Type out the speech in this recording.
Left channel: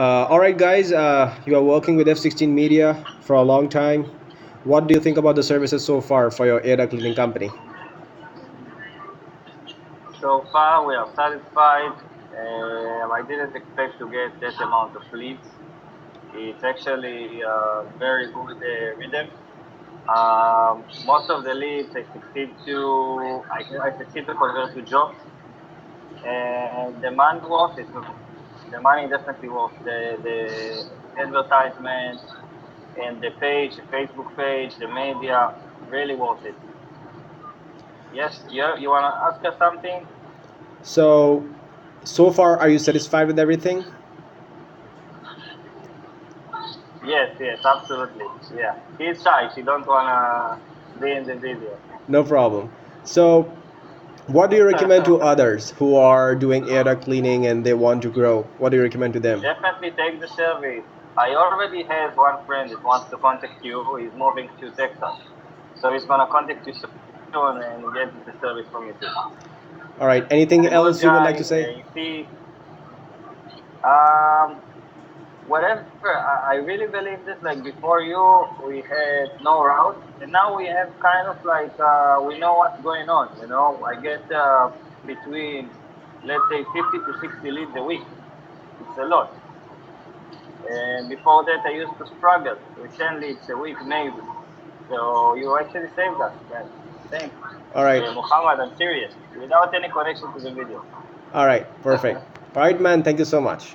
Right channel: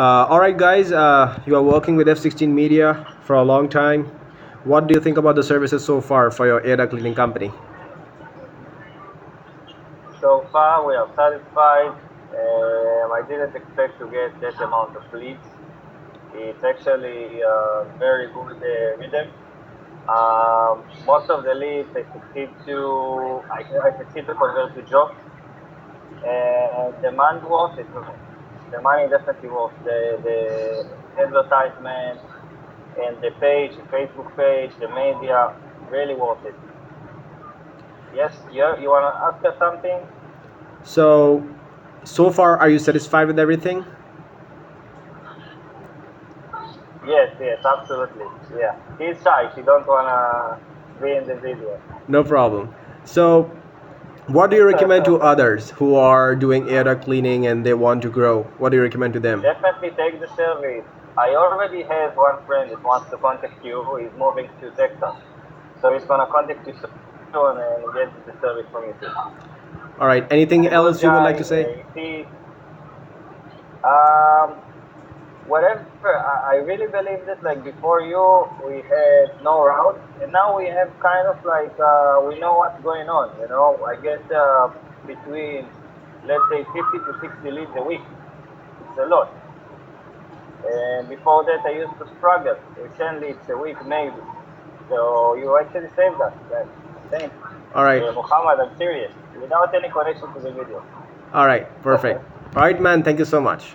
All right, guys, you are working with F16 Media for a long time. What do you think about the services so far for your AIR duct cleaning company? So far, we are satisfied. I didn't expect to get that amount of leads. It's actually a very good rhythm. Most of the leads I succeed to convert to jobs, and the money worth it. The money definitely worth the advertisement and the page, the Facebook page, the media, really worth it. Yes, you wanna ask us something? So far, are you satisfied with everything? Yes, absolutely. Yeah. He's shy. She don't wanna be in the video. No problem. So, what do you recommend to others who are doing AIR duct cleaning and they want to grow? What do you recommend to them? Definitely take the service. I already have one friend that wants to contact you. He's moving to Texas, so he's gonna contact you soon and get the service from you too. All right. Anything He's a good else you would like guy. to say? You see, um, whatever. I really believe that like before you, we had no route, and now we have kind of like we know what's going on. You know, I get between let's say 50 to 60 leads a week. It's a lot. And before that, I used to struggle with 10 leads a week maybe. So you actually saved us, guys. Thanks. All right. Muhammad, I'm serious. Without any connection to the video. All right. Perfect. All right, man. Thank you so much.